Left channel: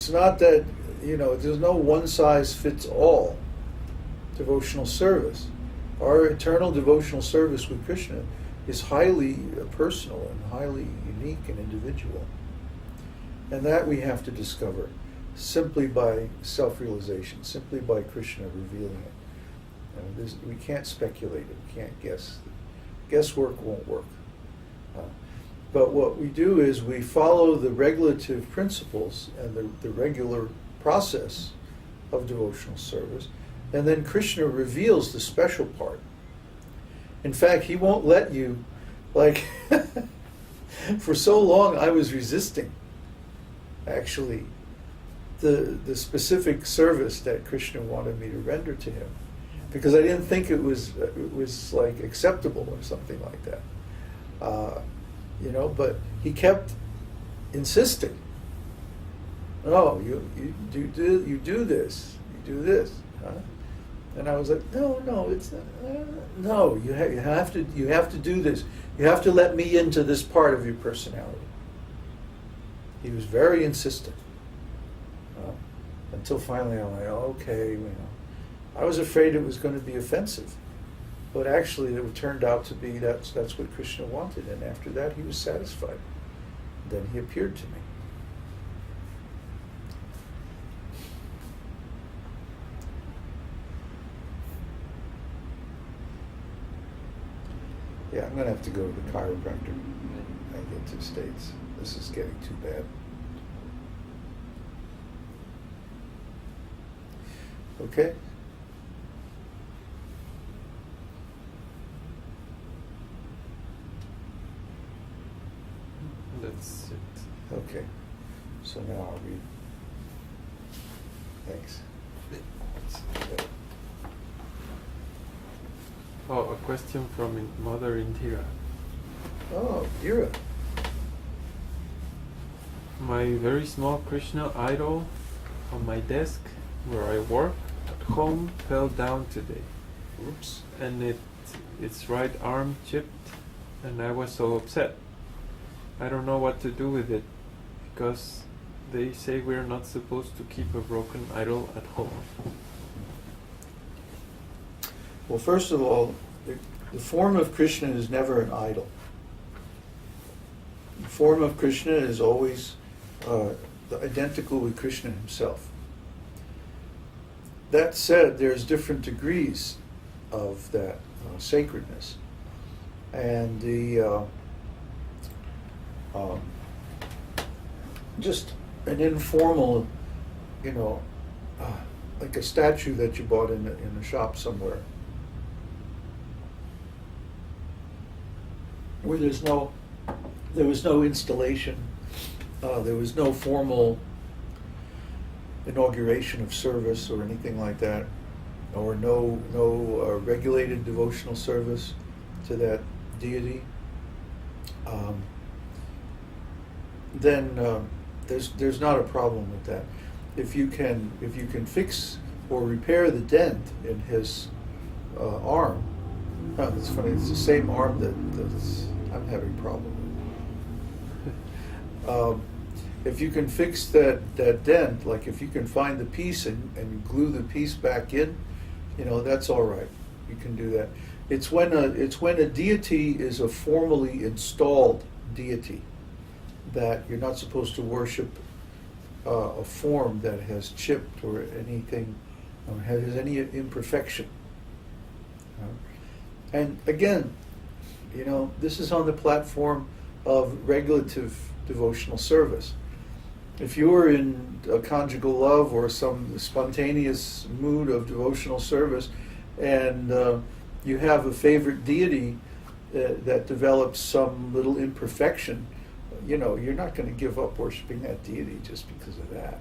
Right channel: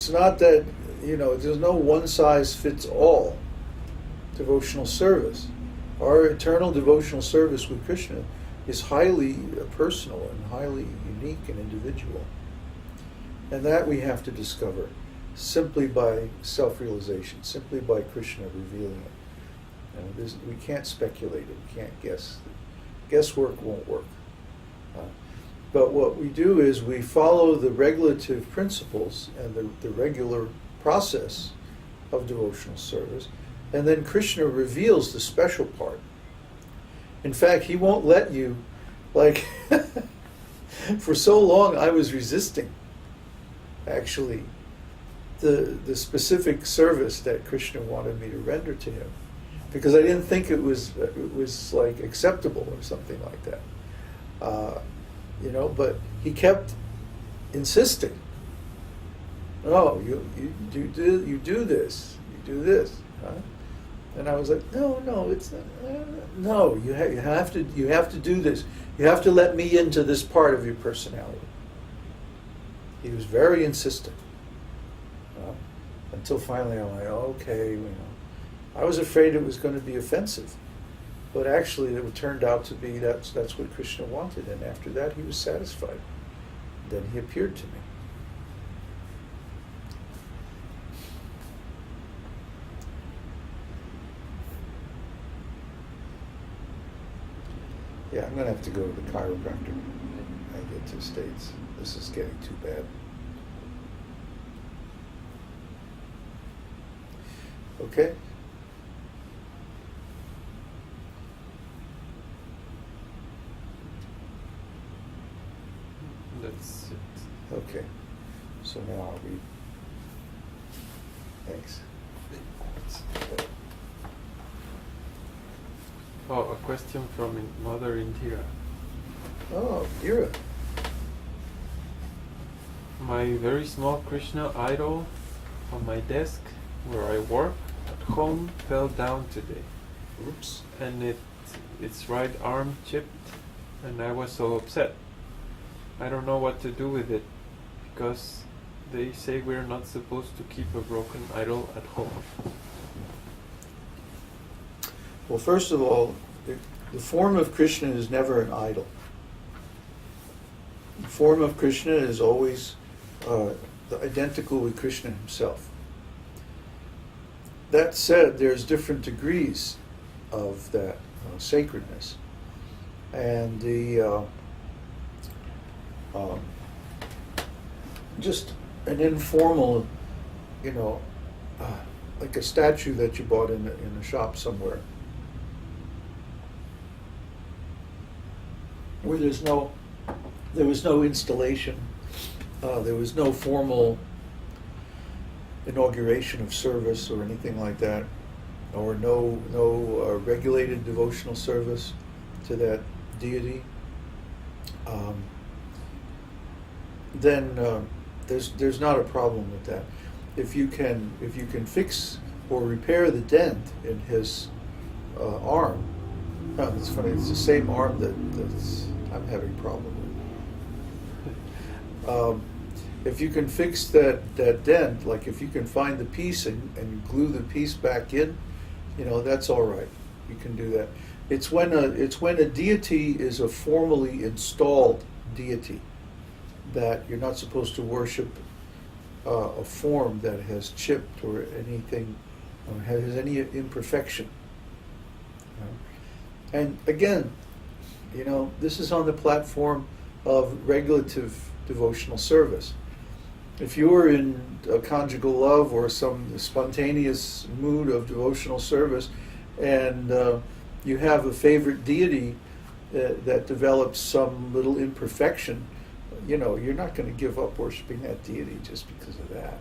It's not that, there's no one-size-fits-all devotional service. Our eternal devotional service with Krishna is highly personal and highly unique and individual. And that we have to discover simply by self-realization, simply by Krishna revealing it. We can't speculate it, we can't guess. Guesswork won't work. But what we do is we follow the regulative principles and the regular process of devotional service, and then Krishna reveals the special part. In fact, he won't let you, for so long I was resisting, actually, the specific service that Krishna wanted me to render to him, because I didn't think it was acceptable or something like that. But he kept insisting. No, you do this, huh? And I was like, no, it's no. You have to do this. You have to let me into this part of your personality. He was very insistent. Until finally I'm like, okay, I was afraid it was going to be offensive. But actually it turned out to be that's what Krishna wanted, and after that he was satisfied. Then he appeared to me. Yeah, I'm going to have to go to the chiropractor when I get to the States. This is getting too bad. Okay? That's it. Okay. So now I'll read. Thanks. Oh, a question from Mother Indira. Oh, Indira. My very small Krishna idol on my desk where I work at home fell down today. Oops. And its right arm chipped, and I was so upset. I don't know what to do with it, because they say we're not supposed to keep a broken idol at home. Well, first of all, the form of Krishna is never an idol. The form of Krishna is always identical with Krishna himself. That said, there's different degrees of that sacredness. And just an informal, like a statue that you bought in a shop somewhere, where there was no installation, there was no formal inauguration of service or anything like that, or no regulated devotional service to that deity, then there's not a problem with that. If you can fix or repair the dent in his arm, it's funny. It's the same arm that's I'm having a problem with. If you can fix that dent, like if you can find the piece and glue the piece back in, that's all right. You can do that. It's when a deity is a formally installed deity that you're not supposed to worship a form that has chipped or anything, or has any imperfection. And again, this is on the platform of regulative devotional service. If you're in a conjugal love or some spontaneous mood of devotional service, and you have a favorite deity that develops some little imperfection, you're not going to give up worshiping that deity just because of that.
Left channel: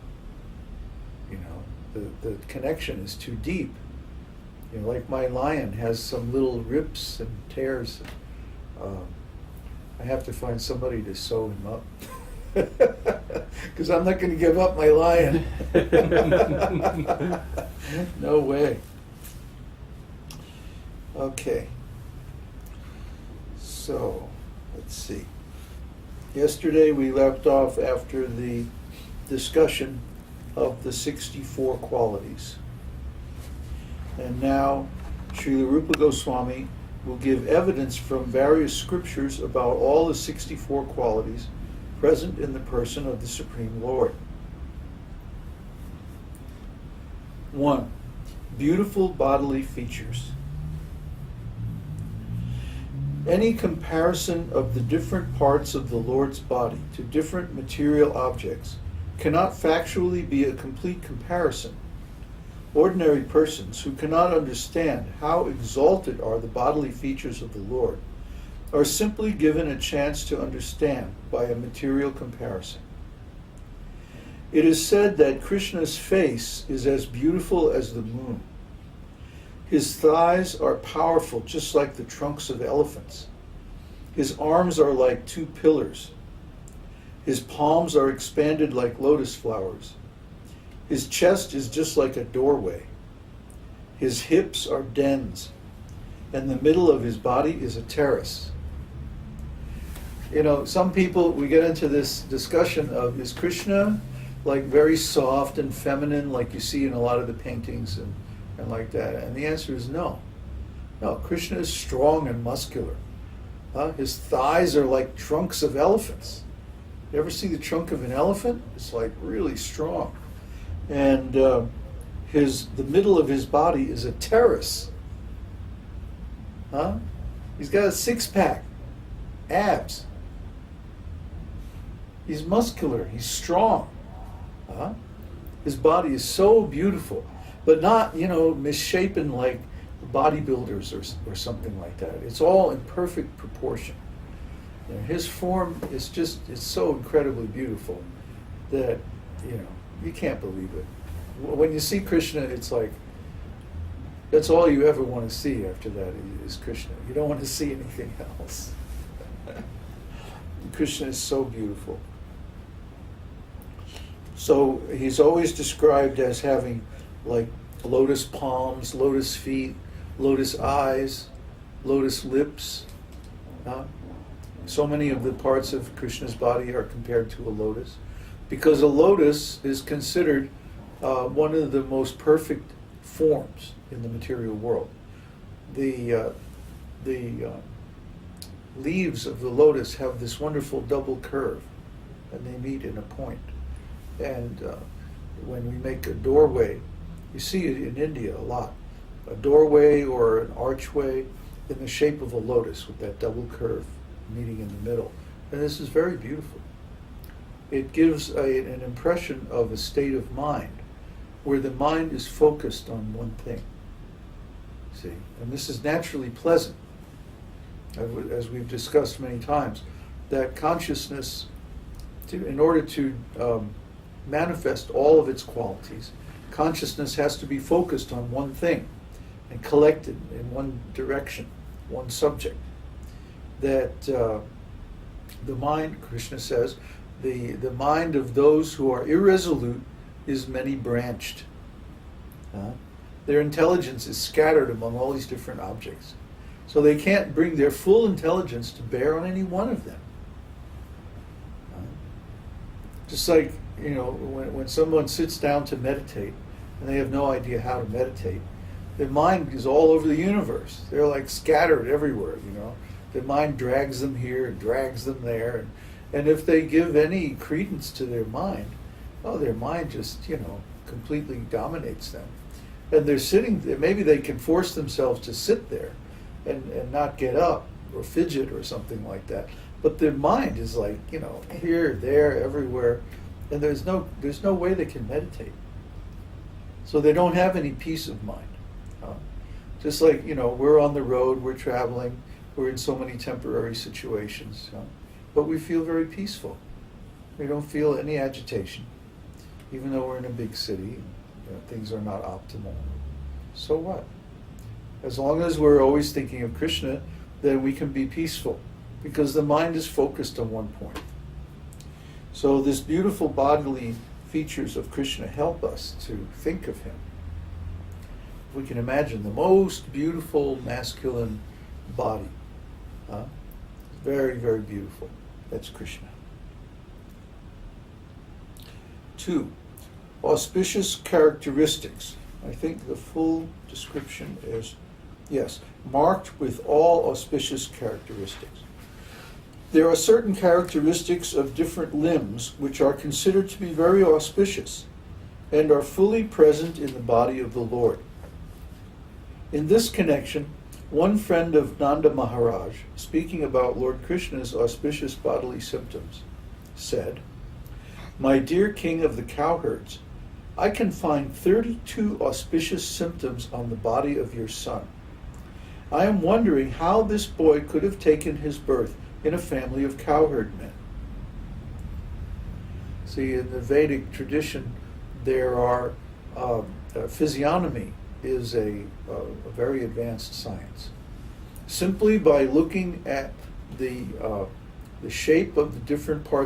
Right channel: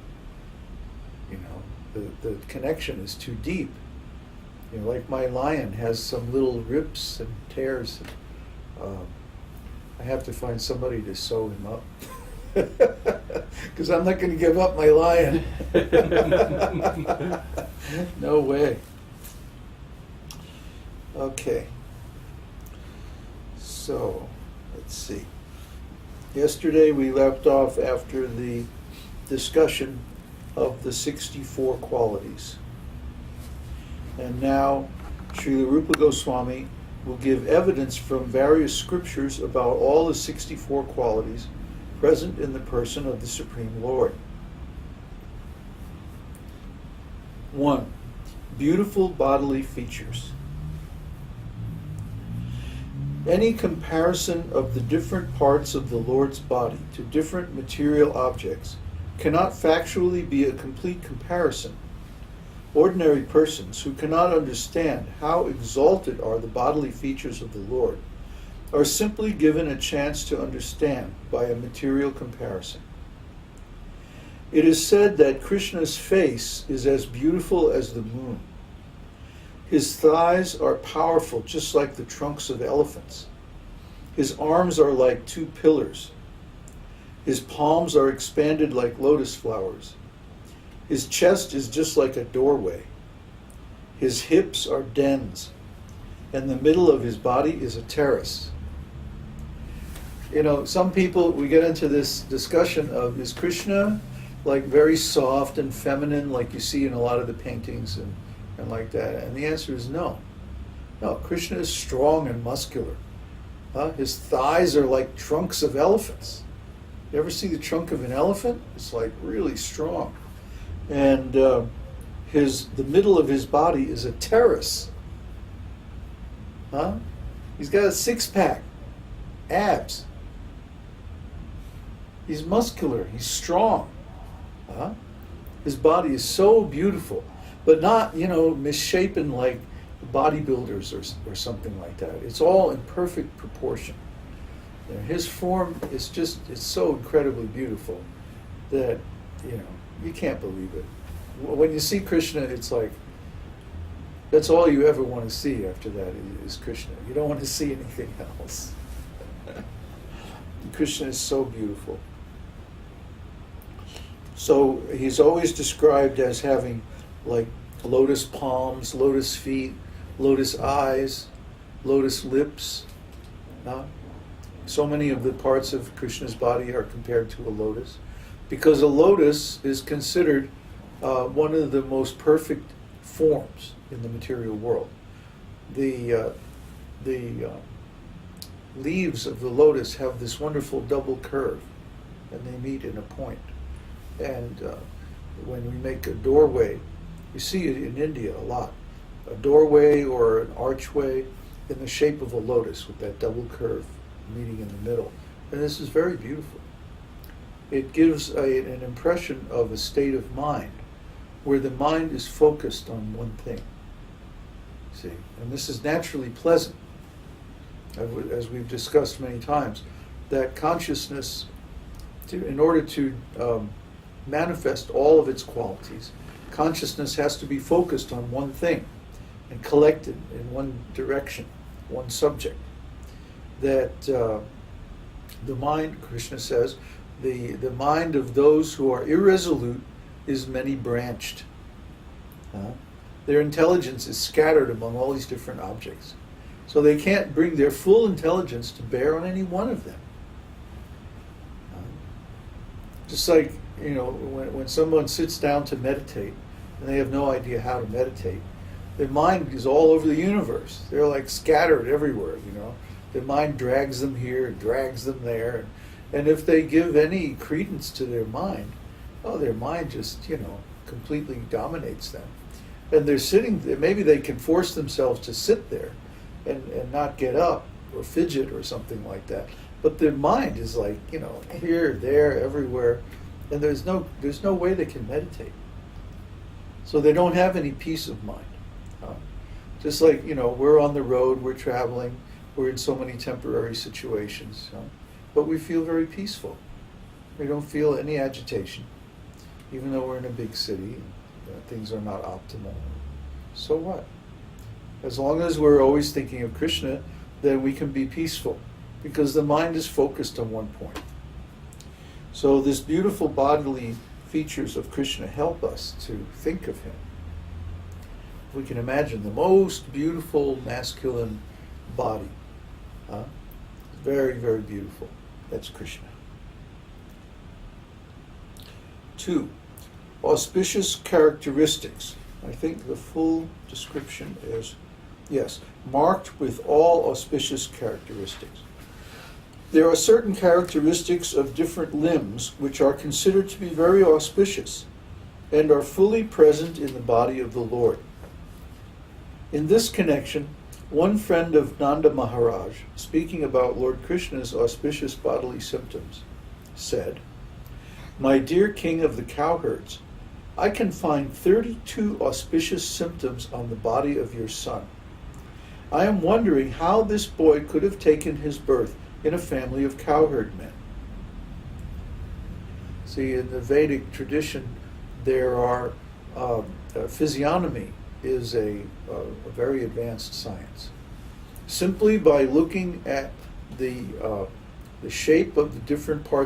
The connection is too deep. Like my lion has some little rips and tears. I have to find somebody to sew him up. Because I'm not going to give up my lion. No way. Okay. So, let's see. Yesterday we left off after the discussion of the 64 qualities. And now Śrīla Rūpa Gosvāmī will give evidence from various scriptures about all the 64 qualities present in the person of the Supreme Lord. 1. Beautiful bodily features. Any comparison of the different parts of the Lord's body to different material objects cannot factually be a complete comparison. Ordinary persons who cannot understand how exalted are the bodily features of the Lord are simply given a chance to understand by a material comparison. It is said that Krishna's face is as beautiful as the moon. His thighs are powerful, just like the trunks of elephants. His arms are like two pillars. His palms are expanded like lotus flowers. His chest is just like a doorway. His hips are dens, and the middle of his body is a terrace. You know, some people, we get into this discussion of, is Krishna like very soft and feminine like you see in a lot of the paintings and like that? And the answer is no. No, Krishna is strong and muscular. His thighs are like trunks of elephants. You ever see the trunk of an elephant? It's like really strong. And the middle of his body is a terrace. He's got a six-pack, abs. He's muscular, he's strong. His body is so beautiful, but not, misshapen like bodybuilders or something like that. It's all in perfect proportion. His form is it's so incredibly beautiful that, you can't believe it. When you see Krishna, it's like, that's all you ever want to see after that is Krishna. You don't want to see anything else. Krishna is so beautiful. So he's always described as having like lotus palms, lotus feet, lotus eyes, lotus lips. So many of the parts of Krishna's body are compared to a lotus, because a lotus is considered one of the most perfect forms in the material world. The leaves of the lotus have this wonderful double curve, and they meet in a point. And when we make a doorway, you see it in India a lot, a doorway or an archway in the shape of a lotus with that double curve meeting in the middle. And this is very beautiful. It gives an impression of a state of mind where the mind is focused on one thing. See, and this is naturally pleasant. As we've discussed many times, that consciousness, in order to manifest all of its qualities, consciousness has to be focused on one thing and collected in one direction, one subject. That the mind, Krishna says, the mind of those who are irresolute is many-branched. Their intelligence is scattered among all these different objects. So they can't bring their full intelligence to bear on any one of them. Just like, when someone sits down to meditate and they have no idea how to meditate, their mind is all over the universe. They're like scattered everywhere, Their mind drags them here, drags them there. And if they give any credence to their mind, their mind just, completely dominates them. And they're sitting there, maybe they can force themselves to sit there and not get up or fidget or something like that. But their mind is like, here, there, everywhere. And there's no way they can meditate. So they don't have any peace of mind. Just like, we're on the road, we're traveling, we're in so many temporary situations, but we feel very peaceful. We don't feel any agitation, even though we're in a big city and things are not optimal. So what? As long as we're always thinking of Krishna, then we can be peaceful, because the mind is focused on one point. So this beautiful bodily features of Krishna help us to think of him. We can imagine the most beautiful masculine body. Very, very beautiful. That's Krishna. 2. auspicious characteristics. I think the full description is, yes, marked with all auspicious characteristics. There are certain characteristics of different limbs which are considered to be very auspicious and are fully present in the body of the Lord. In this connection, one friend of Nanda Maharaj, speaking about Lord Krishna's auspicious bodily symptoms, said, "My dear king of the cowherds, I can find 32 auspicious symptoms on the body of your son. I am wondering how this boy could have taken his birth in a family of cowherd men." See, in the Vedic tradition, there are physiognomy is a very advanced science. Simply by looking at the shape of the different parts